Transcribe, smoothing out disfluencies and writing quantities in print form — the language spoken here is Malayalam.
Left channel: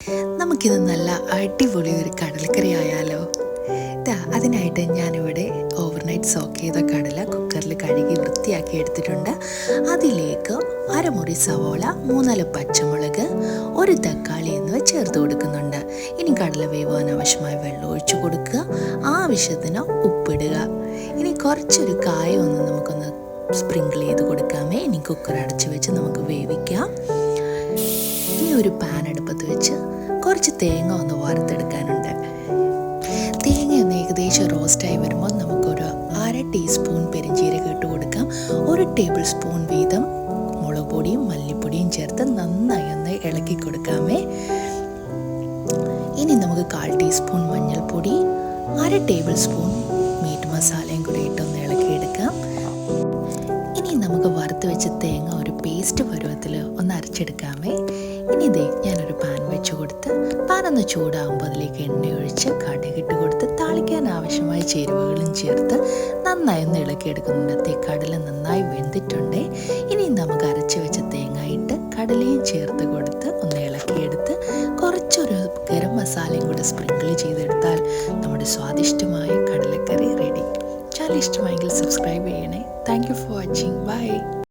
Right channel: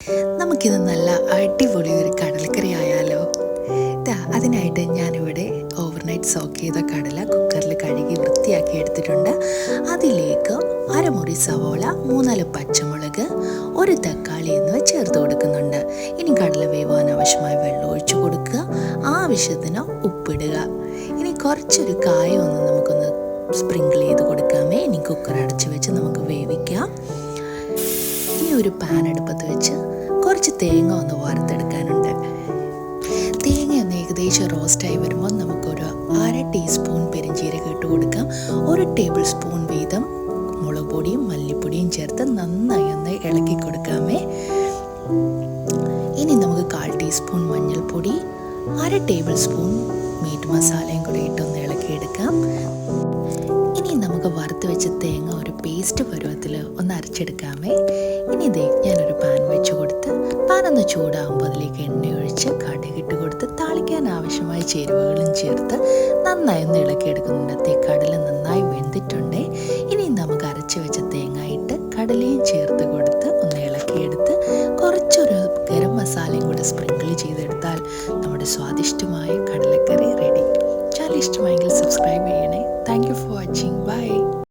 നമുക്കിത് നല്ല അടിപൊളി ഒരു കടലക്കറി ആയാലോ. അതിനായിട്ട് ഞാനിവിടെ ഓവർനൈറ്റ് സോക്ക് ചെയ്ത കടല കുക്കറിൽ കഴുകി വൃത്തിയാക്കി എടുത്തിട്ടുണ്ട്. അതിലേക്ക് അരമുറി സവോള, 3-4 പച്ചമുളക്, ഒരു തക്കാളി എന്നിവ ചേർത്ത് കൊടുക്കുന്നുണ്ട്. ഇനി കടല വേവാൻ ആവശ്യമായ വെള്ളം ഒഴിച്ചു കൊടുക്കുക, ആവശ്യത്തിന് ഉപ്പിടുക. ഇനി കുറച്ചൊരു കായം നമുക്കൊന്ന് സ്പ്രിങ്കിൾ ചെയ്ത് കൊടുക്കാമേ. ഇനി കുക്കർ അടച്ച് വെച്ച് നമുക്ക് വേവിക്കാം. ഇനി ഒരു പാൻ അടുപ്പത്ത് വെച്ച് കുറച്ച് തേങ്ങ ഒന്ന് വറുത്തെടുക്കാനുണ്ട്. തേങ്ങ ഒന്ന് ഏകദേശം റോസ്റ്റായി വരുമ്പോൾ നമുക്കൊരു 1/2 ടീസ്പൂൺ പെരിഞ്ചീരകം ഇട്ട് കൊടുക്കാം. 1 ടേബിൾ സ്പൂൺ വീതം മുളക് പൊടിയും മല്ലിപ്പൊടിയും ചേർത്ത് നന്നായി ഒന്ന് ഇളക്കി കൊടുക്കാമേ. ഇനി നമുക്ക് 1/4 ടീസ്പൂൺ മഞ്ഞൾപ്പൊടി, 1/2 ടേബിൾ സ്പൂൺ മീറ്റ് മസാലയും കൂടി ഇട്ടൊന്ന് ഇളക്കിയെടുക്കാം. ഇനി നമുക്ക് വറുത്ത് വെച്ച തേങ്ങ ഒരു പേസ്റ്റ് പരുവത്തിൽ ഒന്ന് അരച്ചെടുക്കാമേ. ഇനി ഞാനൊരു പാൻ വെച്ച് കൊടുത്ത് പാൻ ഒന്ന് ചൂടാകുമ്പോൾ അതിലേക്ക് എണ്ണ ഒഴിച്ച് കടുകിട്ട് കൊടുത്ത് താളിക്കാൻ ആവശ്യമായ ചേരുവകളും ചേർത്ത് നന്നായി ഒന്ന് ഇളക്കിയെടുക്കുന്നുണ്ട്. കടല നന്നായി വെന്തിട്ടുണ്ട്. ഇനി നമുക്ക് അരച്ച് വെച്ച തേങ്ങ ഇട്ട് കടലയും ചേർത്ത് കൊടുത്ത് ഒന്ന് ഇളക്കിയെടുത്ത് കുറച്ചൊരു ഗരം മസാലയും കൂടെ സ്പ്രിങ്കിൾ ചെയ്തെടുത്താൽ നമ്മുടെ സ്വാദിഷ്ടമായ കടലക്കറി റെഡി. ചാനൽ ഇഷ്ടമായെങ്കിൽ സബ്സ്ക്രൈബ് ചെയ്യണേ. Thank you for watching. By.